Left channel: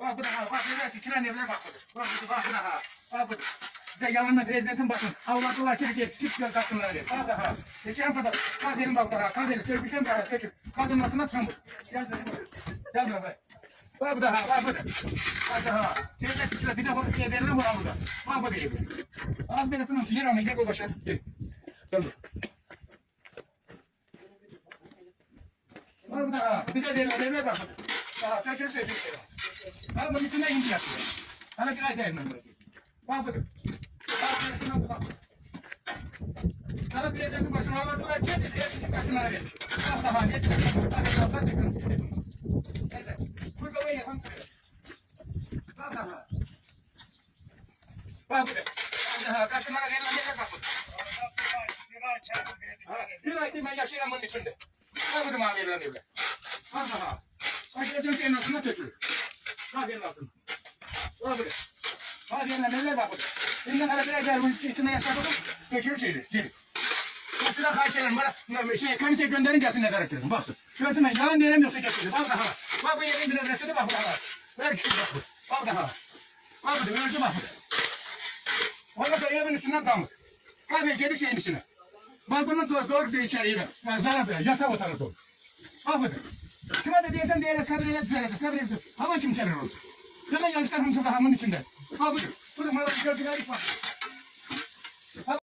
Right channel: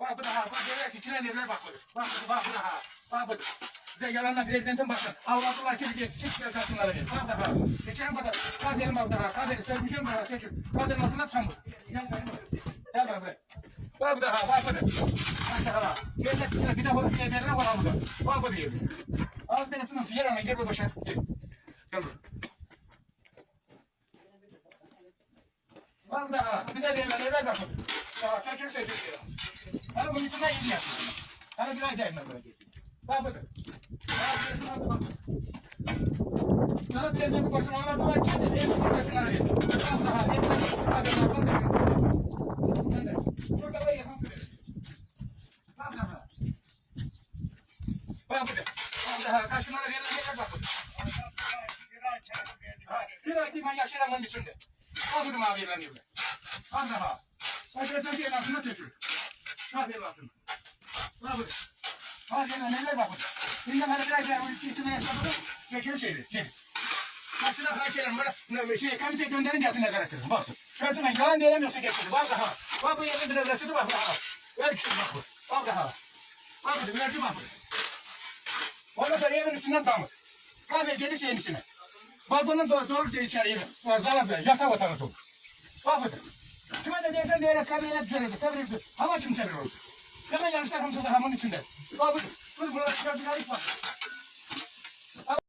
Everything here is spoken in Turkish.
Bak bu da ha. Bak böyle küçülen evler bak bu. Bak bu da ha. Bak bu. Bir de yalandan prezidentin bakın. Avladılar çift göl kadınlara ver. Bak da ha. Geçen kadar. Kaderin bak da ha. Kaderin söküşün bak. Sökün. Kadının altına çamur. Gel buraya. Bak bu da ha. Bak bu da. Bak da ha. Bir de şey verilen var burada. Bak bu değil. Az beresinin yer ama gel bu başa. Gel. Gel buraya. Bak bu da ha. Bir de verilen bak bu da. Ha. Sökün. Bak bunun içinden inci yapıyor. Hala bir ay değil ben böyle. Bak bakın. Sana prezidentin başına almak olarak kendi eski başına verir. Bak daha net. Burada da yapan söyle. Bak daha. Bak bakın. Bak daha. Kaşınlara verilen bir bak bakın. Bir ay değil ben yaşayan bunun içinde. Bak bunu mavi verilen diyorlar. Bak daha. Prezidentin en altına tökülür. Bak en altına. Bak bakın. Bak neler bak bakın. Bundan hala biraz daha bu içinde yaşadık. Geçiyor şeyleri. Gelin. Mesela kaçırırım bana şey kanser gönderin gelsin ne karakterim. Baksın. Şöyle yalan diyemiyorsa geçiyor. Bak daha. Bak bu yerin bile resmi bak daha. Ver kişi bak. Bak daha. Bak bu verci bak. Ondan sonra evin üstünden damır. Kahve gedik şeyin üstüne. Bak bunun doğru diye içeriye ben. Zarar ver. Yatak otanı doğru. Bak bu. Kime de diyesen diyene sabrine düşene de sabrine düşene. Hava kim sever olur. Kime yanlışlar hamsa da hamın içinde. Bak bu. Bunu bana bir gördüğün var.